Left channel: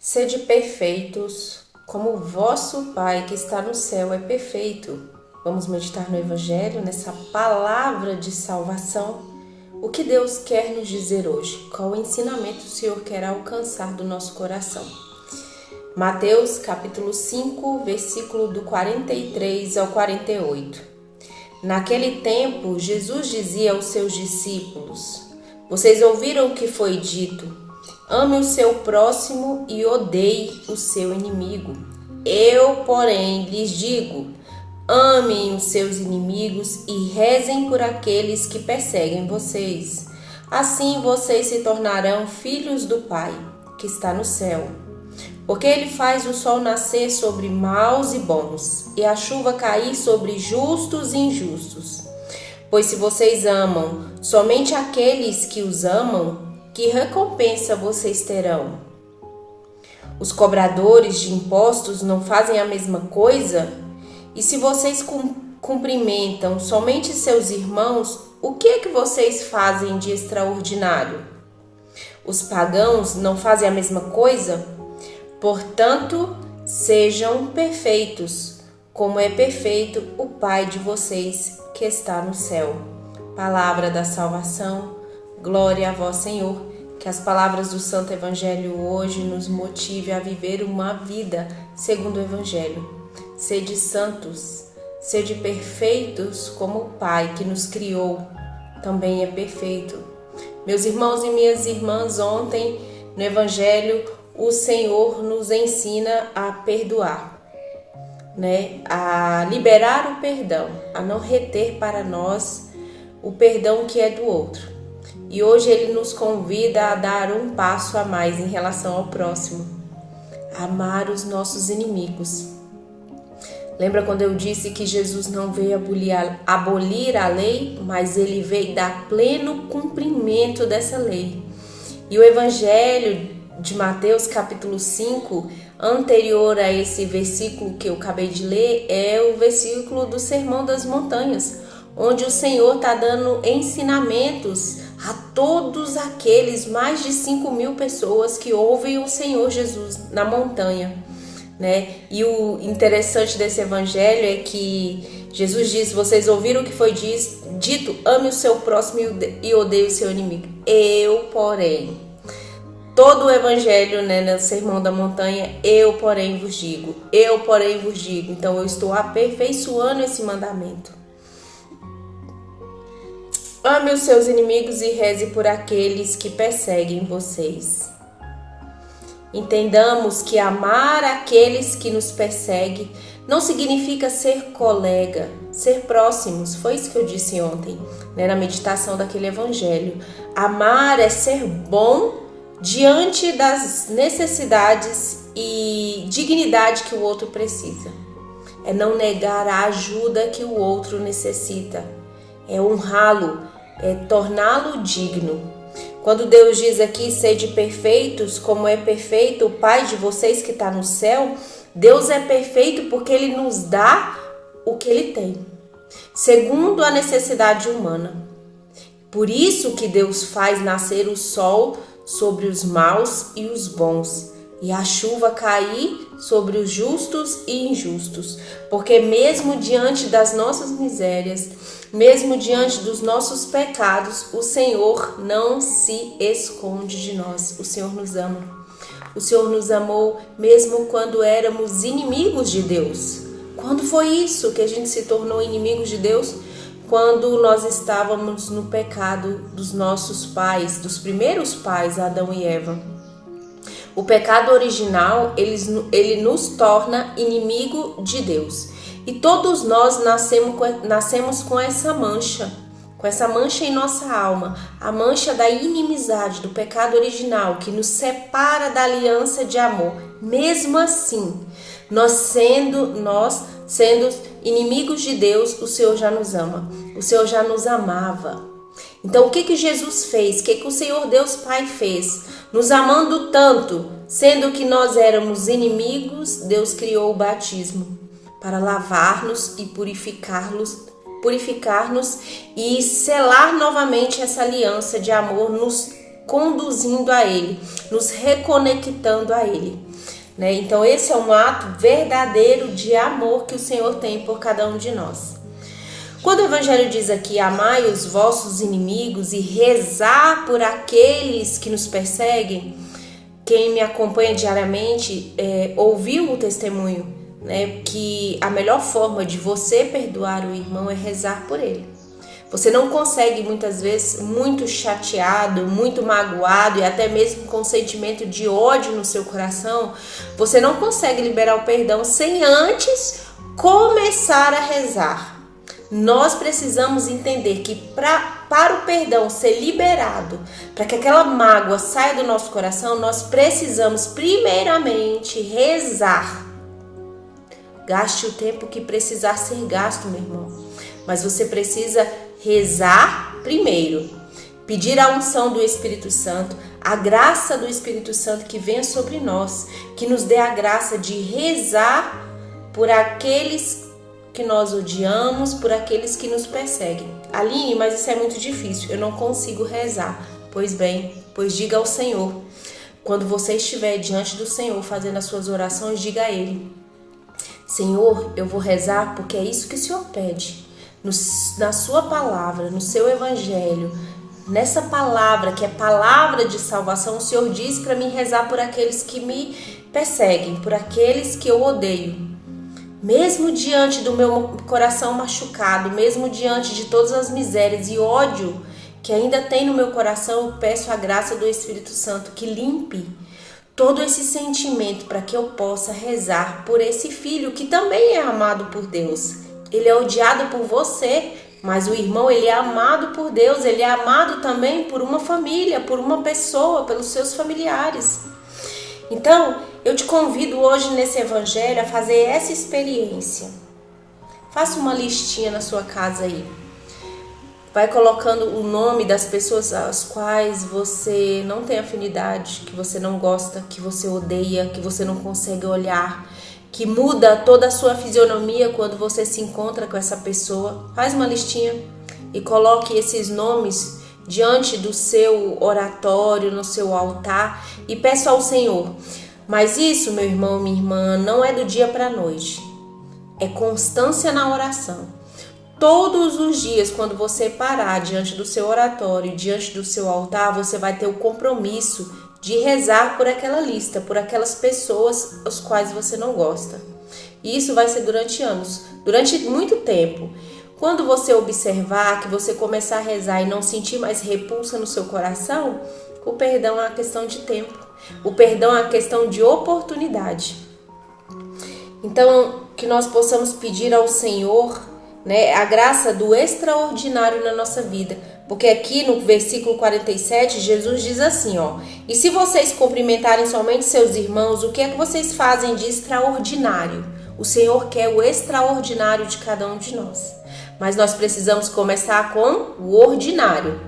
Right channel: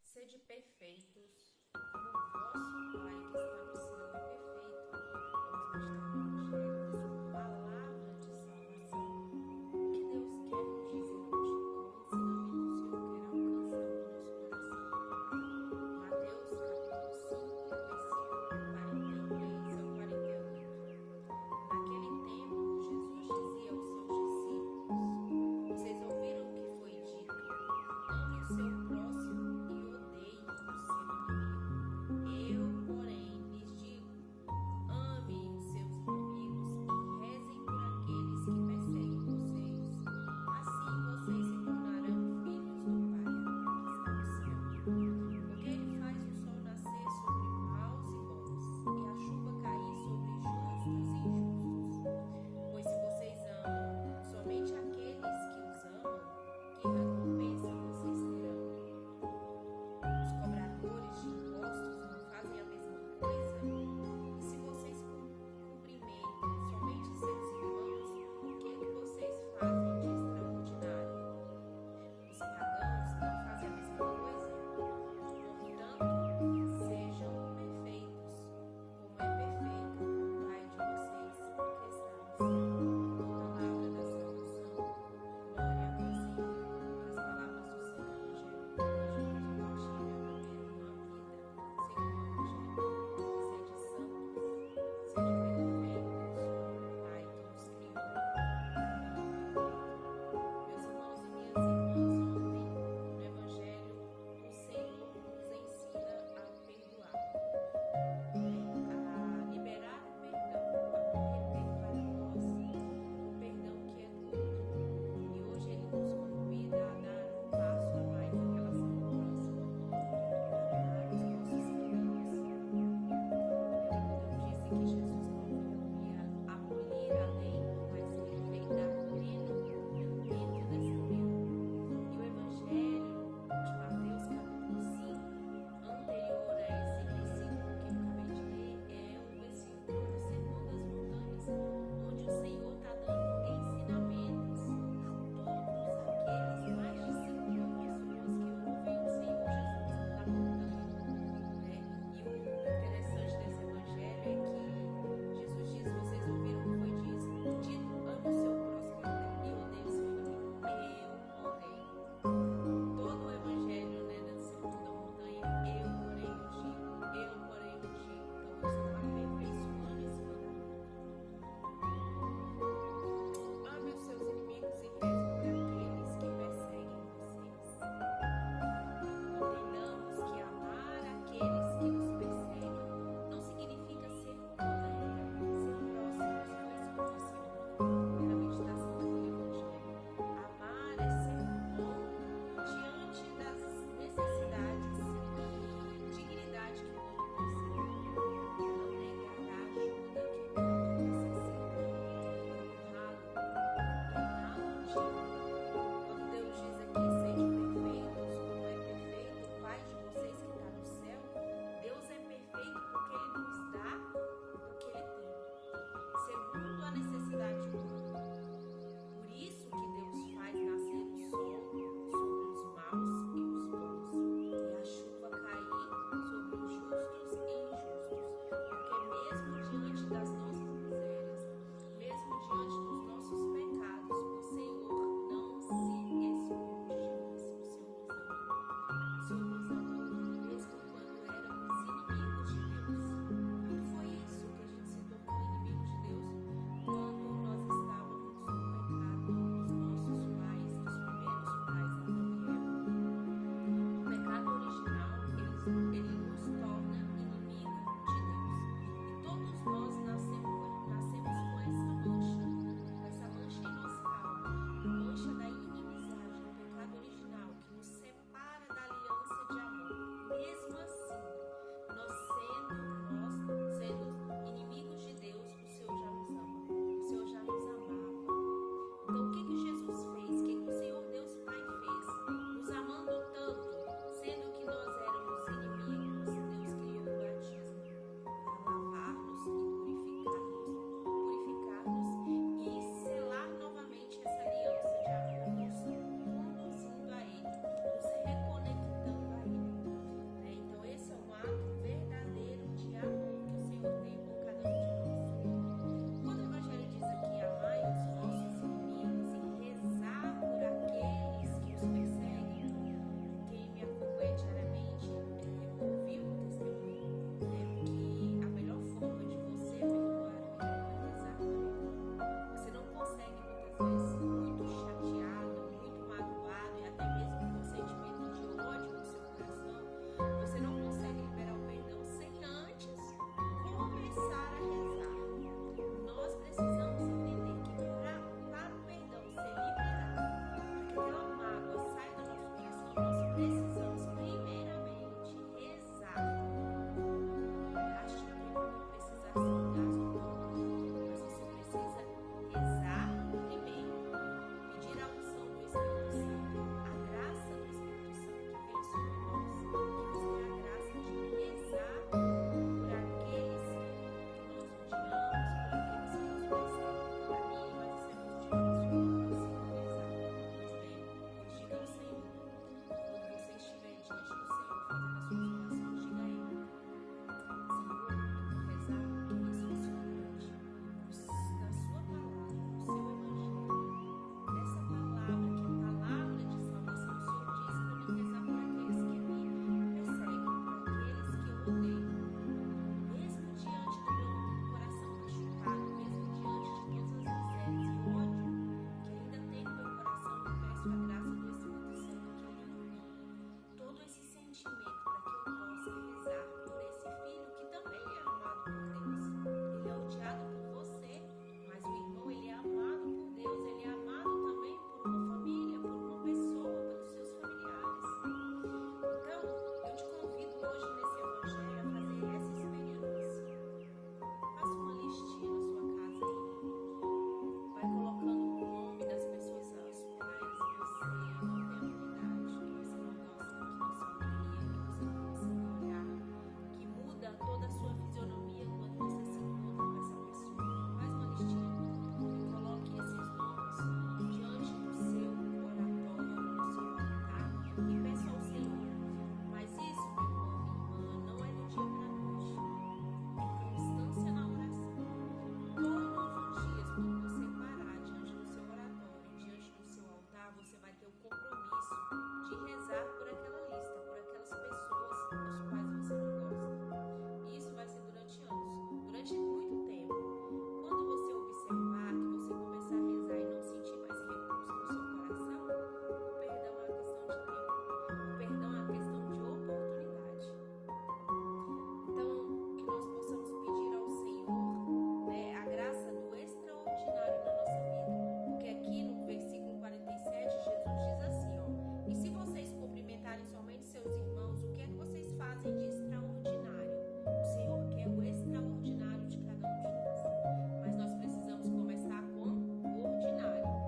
Sede perfeitos, como o vosso Pai que está no céu é perfeito. Vamos meditar no Evangelho, nessa palavra de salvação. O que Deus quer nos dizer hoje? Qual ensinamento o Senhor quer alcançar do nosso coração? Mateus capítulo 5, versículo do 43 ao 48. Naquele tempo, Jesus dizia aos seus discípulos: Vocês ouviram o que foi dito? Ame o seu próximo e odeie o seu inimigo. Eu, porém, lhes digo: amem os seus inimigos e rezem por aqueles que perseguem vocês. Assim vocês se tornarão filhos do Pai, que está no céu. Porque ele faz o sol nascer sobre maus e bons, e a chuva cair sobre justos e injustos. Pois se vocês amam somente aqueles que os amam, que recompensa vocês terão? Os cobradores de impostos não fazem a mesma coisa? E se vocês cumprimentam somente seus irmãos, o que é que vocês fazem de extraordinário? Os pagãos não fazem a mesma coisa? Portanto, sejam perfeitos, como é perfeito o Pai de vocês que está no céu. Palavra da salvação, glória a vós, Senhor. Que as palavras do Santo Evangelho hoje nos motive a viver uma vida segundo o Evangelho. Sede santos, sede perfeitos como o Pai que nos criou também é perfeito. Meus irmãos e minhas irmãs, ontem no Evangelho o Senhor nos ensina a perdoar, a liberar o perdão, a não reter para nós o perdão que é do outro. E hoje ele nos convida a dar um passo a mais em relação ao próximo, a amar os nossos inimigos. Lembra quando eu disse que Jesus não veio abolir a lei, mas ele veio dar pleno cumprimento dessa lei. E o Evangelho de Mateus capítulo 5, anterior a esse versículo que eu acabei de ler, é o versículo do Sermão das Montanhas, onde o Senhor está dando ensinamentos a todos aqueles mais de 5.000 pessoas que ouvem o Senhor Jesus na montanha, E o interessante desse evangelho é que Jesus diz: vocês ouviram o que foi dito, ame o seu próximo e odeie o seu inimigo. Eu, porém, todo o evangelho, no Sermão da Montanha, eu, porém, vos digo. Eu, porém, vos digo. Então, eu estou aperfeiçoando esse mandamento. Ame os seus inimigos e reze por aqueles que perseguem vocês. Entendamos que amar aqueles que nos perseguem não significa ser colega, ser próximos. Foi isso que eu disse ontem, na meditação daquele evangelho. Amar é ser bom diante das necessidades e dignidade que o outro precisa. É não negar a ajuda que o outro necessita. É honrá-lo, é torná-lo digno. Quando Deus diz aqui, sede perfeitos, como é perfeito o Pai de vocês que está no céu, Deus é perfeito porque Ele nos dá o que Ele tem, segundo a necessidade humana. Por isso que Deus faz nascer o sol sobre os maus e os bons, e a chuva cair sobre os justos e injustos, porque mesmo diante das nossas misérias, mesmo diante dos nossos pecados, o Senhor não se esconde de nós. O Senhor nos ama. O Senhor nos amou mesmo quando éramos inimigos de Deus. Quando foi isso que a gente se tornou inimigos de Deus? Quando nós estávamos no pecado dos nossos pais, dos primeiros pais, Adão e Eva. O pecado original, ele nos torna inimigo de Deus. E todos nós nascemos com essa mancha em nossa alma, a mancha da inimizade, do pecado original, que nos separa da aliança de amor. Mesmo assim, nós sendo inimigos de Deus, o Senhor já nos ama, o Senhor já nos amava. Então, o que Jesus fez? O que o Senhor Deus Pai fez? Nos amando tanto, sendo que nós éramos inimigos, Deus criou o batismo para lavar-nos e purificar-nos e selar novamente essa aliança de amor, nos conduzindo a Ele, nos reconectando a Ele. Né? Então esse é um ato verdadeiro de amor que o Senhor tem por cada um de nós. Quando o Evangelho diz aqui, amai os vossos inimigos e rezar por aqueles que nos perseguem, quem me acompanha diariamente ouviu o testemunho, né, que a melhor forma de você perdoar o irmão é rezar por ele. Você não consegue muitas vezes, muito chateado, muito magoado e até mesmo com sentimento de ódio no seu coração, você não consegue liberar o perdão sem antes começar a rezar. Nós precisamos entender que para o perdão ser liberado, para que aquela mágoa saia do nosso coração, nós precisamos primeiramente rezar. Gaste o tempo que precisar ser gasto, meu irmão. Mas você precisa rezar primeiro. Pedir a unção do Espírito Santo, a graça do Espírito Santo que venha sobre nós, que nos dê a graça de rezar por aqueles que nós odiamos, por aqueles que nos perseguem. Aline, mas isso é muito difícil, eu não consigo rezar. Pois bem, pois diga ao Senhor. Quando você estiver diante do Senhor fazendo as suas orações, diga a Ele: Senhor, eu vou rezar porque é isso que o Senhor pede. Na sua palavra, no seu evangelho, nessa palavra que é palavra de salvação, o Senhor diz para mim rezar por aqueles que me perseguem, por aqueles que eu odeio. Mesmo diante do meu coração machucado, mesmo diante de todas as misérias e ódio que ainda tem no meu coração, eu peço a graça do Espírito Santo que limpe todo esse sentimento para que eu possa rezar por esse filho que também é amado por Deus. Ele é odiado por você, mas o irmão, ele é amado por Deus, ele é amado também por uma família, por uma pessoa, pelos seus familiares. Então, eu te convido hoje nesse evangelho a fazer essa experiência. Faça uma listinha na sua casa aí. Vai colocando o nome das pessoas às quais você não tem afinidade, que você não gosta, que você odeia, que você não consegue olhar, que muda toda a sua fisionomia quando você se encontra com essa pessoa. Faz uma listinha e coloque esses nomes diante do seu oratório, no seu altar e peça ao Senhor. Mas isso, meu irmão, minha irmã, não é do dia para a noite. É constância na oração. Todos os dias, quando você parar diante do seu oratório, diante do seu altar, você vai ter o compromisso de rezar por aquela lista, por aquelas pessoas as quais você não gosta. E isso vai ser durante anos, durante muito tempo. Quando você observar, que você começar a rezar e não sentir mais repulsa no seu coração, o perdão é uma questão de tempo. O perdão é uma questão de oportunidade. Então, que nós possamos pedir ao Senhor, né, a graça do extraordinário na nossa vida. Porque aqui no versículo 47, Jesus diz assim, ó: e se vocês cumprimentarem somente seus irmãos, o que é que vocês fazem de extraordinário? O Senhor quer o extraordinário de cada um de nós. Mas nós precisamos começar com o ordinário.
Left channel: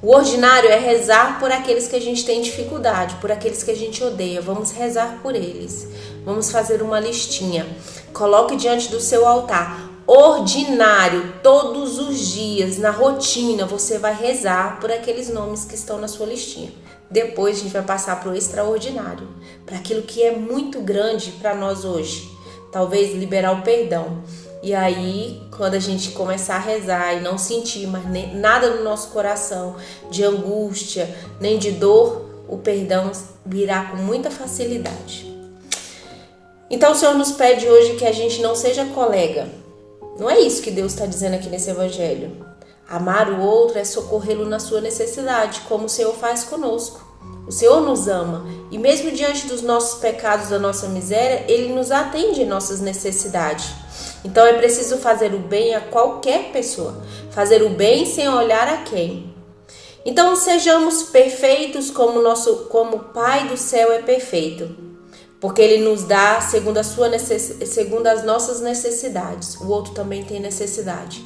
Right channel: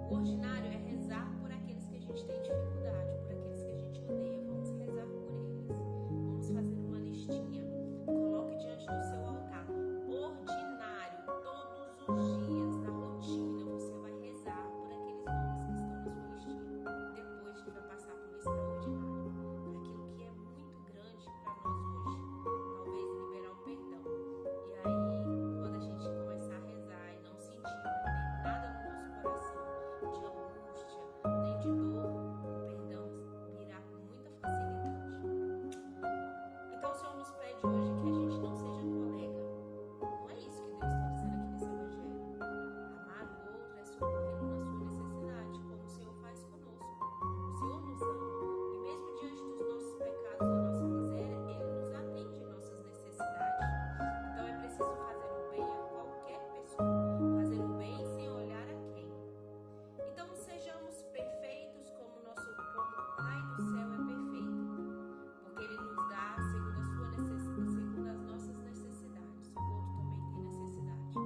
O ordinário é rezar por aqueles que a gente tem dificuldade, por aqueles que a gente odeia. Vamos rezar por eles. Vamos fazer uma listinha. Coloque diante do seu altar. Ordinário, todos os dias, na rotina, você vai rezar por aqueles nomes que estão na sua listinha. Depois a gente vai passar para o extraordinário, para aquilo que é muito grande para nós hoje. Talvez liberar o perdão. E aí, quando a gente começar a rezar e não sentir mais nada no nosso coração de angústia, nem de dor, o perdão virá com muita facilidade. Então o Senhor nos pede hoje que a gente não seja colega. Não é isso que Deus está dizendo aqui nesse evangelho. Amar o outro é socorrê-lo na sua necessidade, como o Senhor faz conosco. O Senhor nos ama e mesmo diante dos nossos pecados, da nossa miséria, Ele nos atende em nossas necessidades. Então é preciso fazer o bem a qualquer pessoa, fazer o bem sem olhar a quem. Então sejamos perfeitos como o Pai do céu é perfeito, porque Ele nos dá segundo as nossas necessidades. O outro também tem necessidade.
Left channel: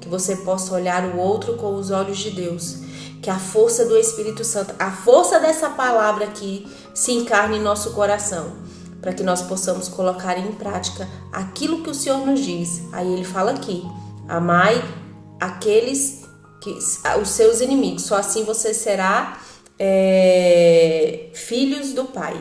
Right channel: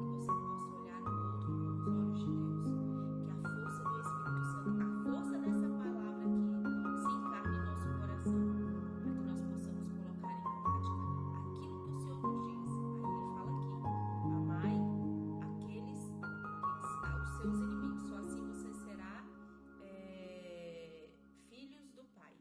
Que você possa olhar o outro com os olhos de Deus. Que a força do Espírito Santo, a força dessa palavra aqui se encarne em nosso coração, para que nós possamos colocar em prática aquilo que o Senhor nos diz. Aí Ele fala aqui: amai aqueles os seus inimigos, só assim você será filhos do Pai.